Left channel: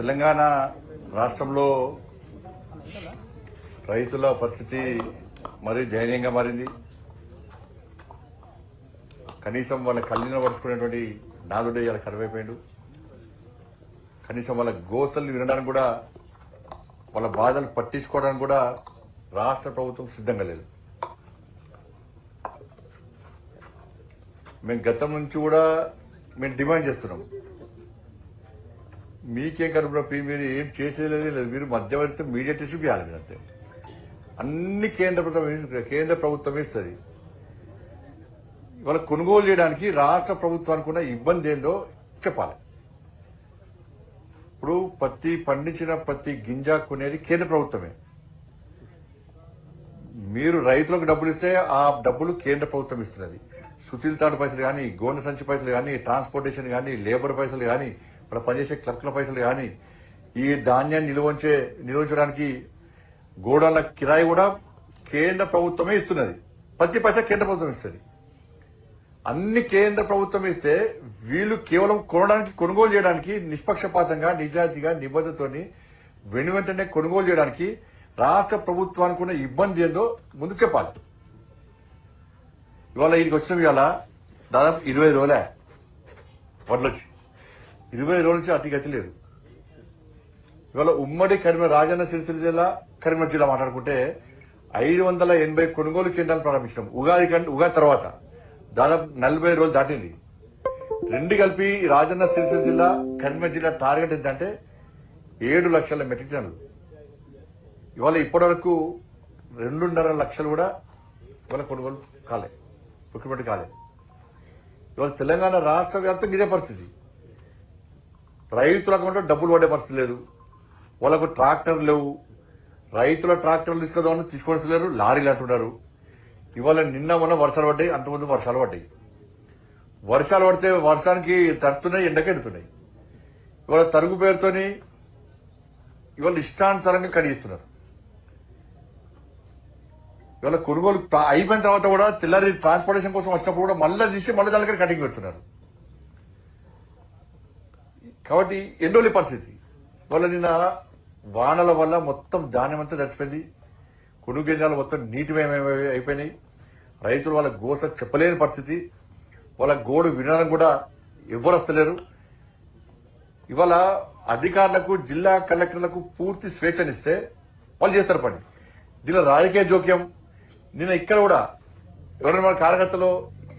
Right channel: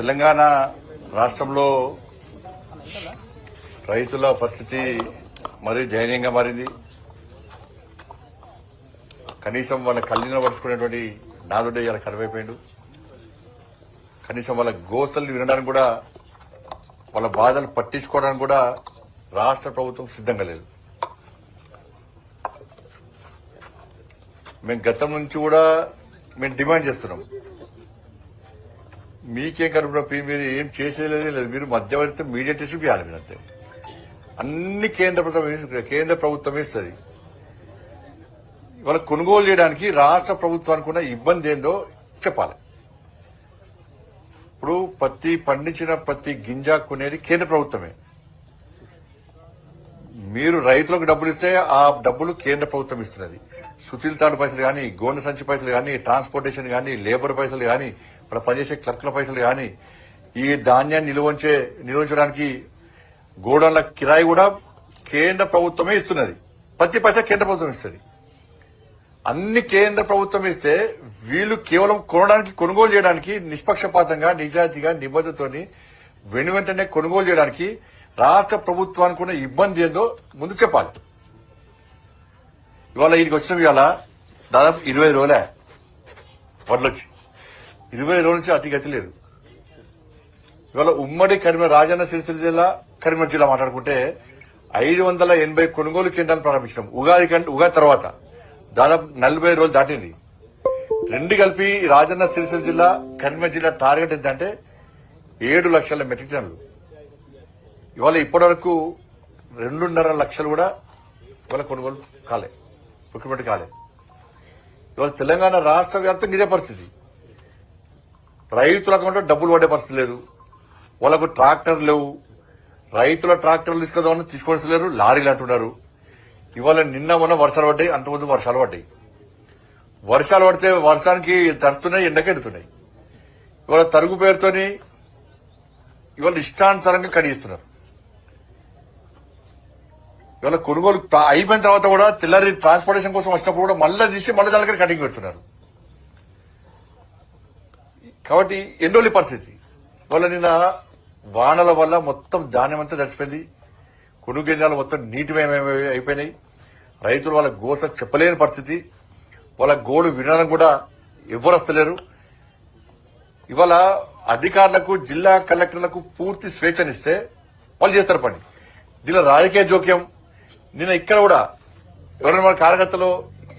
తెలంగాణ రాష్ట్రంలో రైతుల పరిస్థితి మరీ దయనీయంగా మారింది. కనీసం వాళ్ళ కళ్ళని పడుచుకునేటువంటి నాదుడే ఇలా కరువైపోయిండు. కనీసం వాళ్ళ గోసలు వినడానికి కూడా, వాళ్ళ బాధలు పట్టించుకోవడానికి కూడా రాష్ట్ర ప్రభుత్వం సిద్ధంగా లేదు. మేము గతం నుంచి కూడా మేము డిమాండ్ చేస్తున్నాం, మీకేం కనుక మీరు ఏం చేసేది లేదు, మీరు మధ్యవర్తి మీడియేటర్స్ ఇవ్వాలి. మీరు అంతే, అన్ని కేంద్ర ప్రభుత్వం ఇస్తుంది. ఇవాళ కొనుగోలు చేయడానికి రాష్ట్ర ప్రభుత్వానికి ఉన్న ఇబ్బంది ఏందో చెప్పాలి. ఇప్పుడు పండించిన ప్రతి గింజ కొనేది కేంద్ర ప్రభుత్వమే. మీరు రైతులకు డబ్బులు ఇస్తే ఆ డబ్బులు కేంద్ర ప్రభుత్వం ఇస్తున్నది. సుతిల్ తాడు పైసలు కానీ, గోనె సంచి పైసలు కానీ, ట్రాన్స్పోర్టేషన్ కానీ, లేబర్ పైసలు కానీ, ఇక్కడ పనిచేసే క్లర్కుల పైసలు కానీ, ఈ ధాన్యాన్ని నిల్వంచడానికి గోడౌన్ల కిరాయి కూడా కేంద్ర ప్రభుత్వమే ఇస్తున్నది. ప్రతి పైసా కేంద్ర ప్రభుత్వం ఇస్తుంది. అన్ని కేంద్ర ప్రభుత్వం ఇస్తే వీళ్ళు కేవలం కొనుగోలు చేయడానికి నిష్పక్షపాతంగా, నిజాయితీగా, నిబద్ధతతోని వెంటనే కొనుగోలు చేయడానికి రాష్ట్ర ప్రభుత్వానికి ఉన్న ఇబ్బంది ఏందో ముందు చెప్పాలి. ఇవాళ వీడికి వచ్చిన ఇవాళ దాదాపు 20 రోజులే వడ్లొచ్చి, 20 రోజుల నుంచి అతిగతి లేదు. ఇవాళ ఉమ్మడి రాజన్న సిరిసిల్ల జిల్లా, కరీంనగర్ జిల్లా మాట్లాడుకుంటే 580 కొనుగోలు కేంద్రాలు ప్రారంభించినాం. ఉగాది తర్వాత దాదాపు 40 రోజులు దాటింది. రెండు కలిపి రాజన్న సిరిసిల్ల జిల్లా, కరీంనగర్ జిల్లా టార్గెట్ ఏంటంటే 7 లక్షల మెట్రిక్ టన్నులు. ఇవాళ ఇప్పటి వరకు 2.5 లక్షలు కూడా ఇవాళ కొనుగోలు కాలే, ప్రొక్యూర్మెంట్ కాలే. ఇవాళ తెలంగాణ రాష్ట్ర వ్యాప్తంగా ఇదే పరిస్థితి. రైతుల అకౌంట్లో డబ్బులు పడే పరిస్థితి లేదు. వాళ్ళకు ట్రాక్టర్లు లేవు. రైతుల ట్రాక్టర్లు తీసుకొస్తలేరు, లారీలు అంటున్నారు. ఇవాళ నిన్న మొన్న వర్షాలు పడ్డాయి, అంతకుముందు వర్షాలు పడ్డాయి. వర్షాలు పడితే వర్షానికి తరుస్తున్నాయి, ఎండకెడుతున్నాయి. ఇవాళ తరుగు పేరుతోని ఇవాళ ఇష్టానుసారంగా కడిగిస్తున్నారు. ఇవాళ కొనుగోలు అయిపోయిన తర్వాత కూడా తెల్లారి ట్రాన్స్పోర్టేషన్ కోసం వచ్చినప్పుడు కూడా మళ్ళీ తీసి మళ్ళీ దాని కటింగ్ పెడుతున్నారు. కాబట్టి ఎండోలి పరిస్థితి. ఇవాళ నిన్న వానల వల్ల మొత్తం ధాన్యం అంతా తడిసిపోయింది. కొనుగోలు కేంద్రాలు మొత్తం నీటిమయం అయిపోయినాయి. రైతులు వాళ్ళ గోస చెప్పలేని పరిస్థితి. వాళ్ళ గోడు వినడానికి కూడా ఎవ్వరు వస్తలేరు. ఇవాళ అధికారులకు, జిల్లా కలెక్టర్లకు పూర్తి స్వేచ్ఛనిస్తే వాళ్ళు చేస్తారు పని. దీనిలో రాజకీయ జోక్యం. నిన్న ఇక్కడ కూడా ఎవరైనా మన కార్యకర్తలు,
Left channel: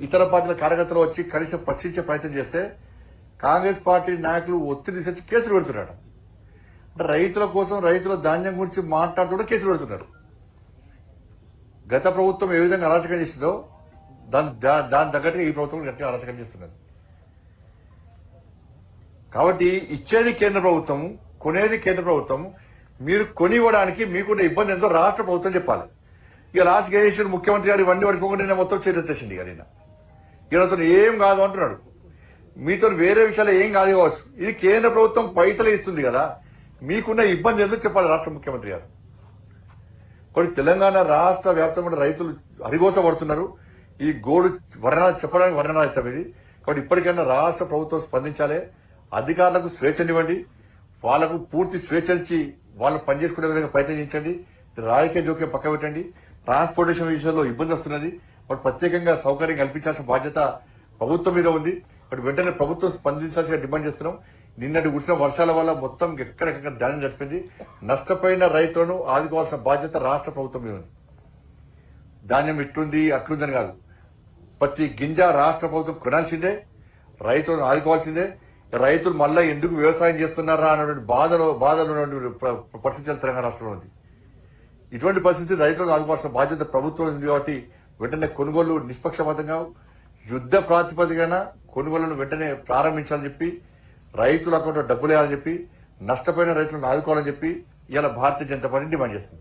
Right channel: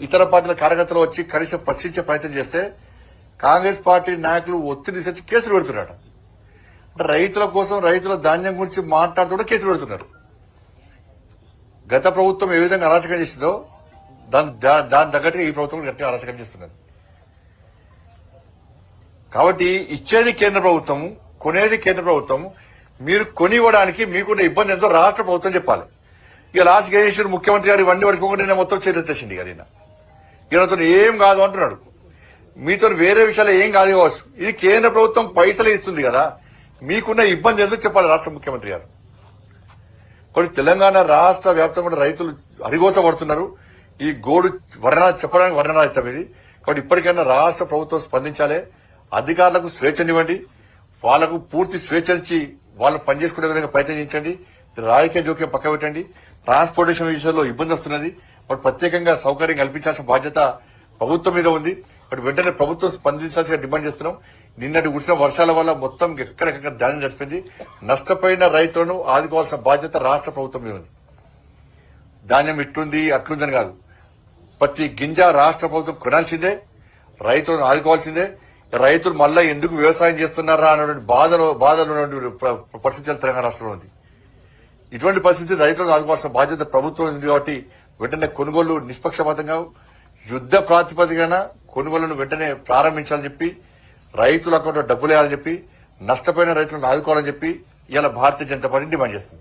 ఇతర పార్టీల కార్యకర్తలు వచ్చి కనీసం ప్రశ్నించే ప్రయత్నం చేస్తే కాంగ్రెస్ పార్టీ నాయకులు ఒత్తిడి తీసుకొచ్చి కేసులు పెడుతున్నారు. అంటే రైతుల కోసం, రైతుల ధాన్యం గురించి మాట్లాడుతూ కేసులు పెడుతున్నారు. గత ప్రభుత్వం ఏ విధంగా అరాచకం చేసిందో దాని తగ్గట్టుగా ఈ ప్రభుత్వం గట్టిగా అరాచకం చేస్తున్నారు. కాబట్టి ఇచ్చేది కేంద్ర ప్రభుత్వం, కొనేది కేంద్ర ప్రభుత్వం. మీరు కొనివ్వడానికి మీకున్న ఇబ్బంది ఎంతో రాష్ట్ర ప్రభుత్వం చెప్పాలి. ఇక లాస్ట్ గణేశ్వర్ ముఖ్యమంత్రి గారు ఇవన్నీ పడుకోకుండా నేను మొత్తం చేతెత్తేసింది. ఈయనతో ఏం కాదు అంటున్నాడు. మీతో వేరే విషయాలు ఏం కాదు కావచ్చు. ఇది కేంద్ర ప్రభుత్వం పైసలు ఇస్తుంది కదా, మీకున్న ఇబ్బంది ఎంతో చెప్పాలి రాష్ట్ర ముఖ్యమంత్రి గారు. కొన్ని తెలంగాణ రాష్ట్ర వ్యాప్తంగా రైతులు అరిగోస పడుతున్నారు. ఈ గోడు చెప్పడానికి వర్ణనాయుతం ఇది. కాబట్టి ఇప్పటికైనా రాష్ట్ర ప్రభుత్వం స్పందించాలి. అధికారులకు స్వేచ్ఛనివ్వండి, వాళ్లకు పూర్తి స్వేచ్ఛనిచ్చి వాళ్ళు పనిచేసుకునే విధంగా ప్రయత్నించండి. రాజకీయ జోక్యం పక్క పెట్టండి. ట్రాన్స్పోర్టేషన్ విషయంలో ఇబ్బంది వస్తున్నది. వాటి ప్రత్యేకంగా సౌకర్యం కల్పించాల్సిన బాధ్యత ప్రభుత్వం మీద ఉంది. వాటి వెంటనే ప్రభుత్వం స్పందించాల్సిన డిమాండ్ చేస్తున్నాం. నిన్నటి కురిసిన వర్షాల వల్ల మొత్తం ఎక్కడెక్కడ ధాన్యం జరిపింది. నష్టపోయిన రైతులను ఆదుకోవాల్సిన బాధ్యత రాష్ట్ర ప్రభుత్వం మీద ఉంది. ధాన్యం ఇట్లుంది అట్లుందని కాదు, ప్రతి గింజ రాష్ట్ర ప్రభుత్వం కొనాల్సిందే, రైతులను ఆదుకోవాల్సిందే. రైతులు మళ్ళా ఎందుకు వ్యవసాయం చేస్తున్నారా అన్నటువంటి బాధలు పరిస్థితులు తెలంగాణ రాష్ట్రంలో ఉంది. ఇటువంటి పరిస్థితి రైతులను ఆదుకోవాల్సిన బాధ్యత ప్రభుత్వం ఉంది. కాబట్టి వెంటనే కొనుగోలు నిష్పక్షపాతంగా, యుద్ద ప్రాతిపదికన కొనుగోళ్లను వెంటనే ప్రారంభించాలని చెప్పి, రైతుల అకౌంట్లో డబ్బులు వేయాలని చెప్పి, నష్టపోయిన రైతులను ఆదుకోవాలని చెప్పి ఇవాళ భారతీయ జనతా పార్టీ డిమాండ్ చేస్తుంది.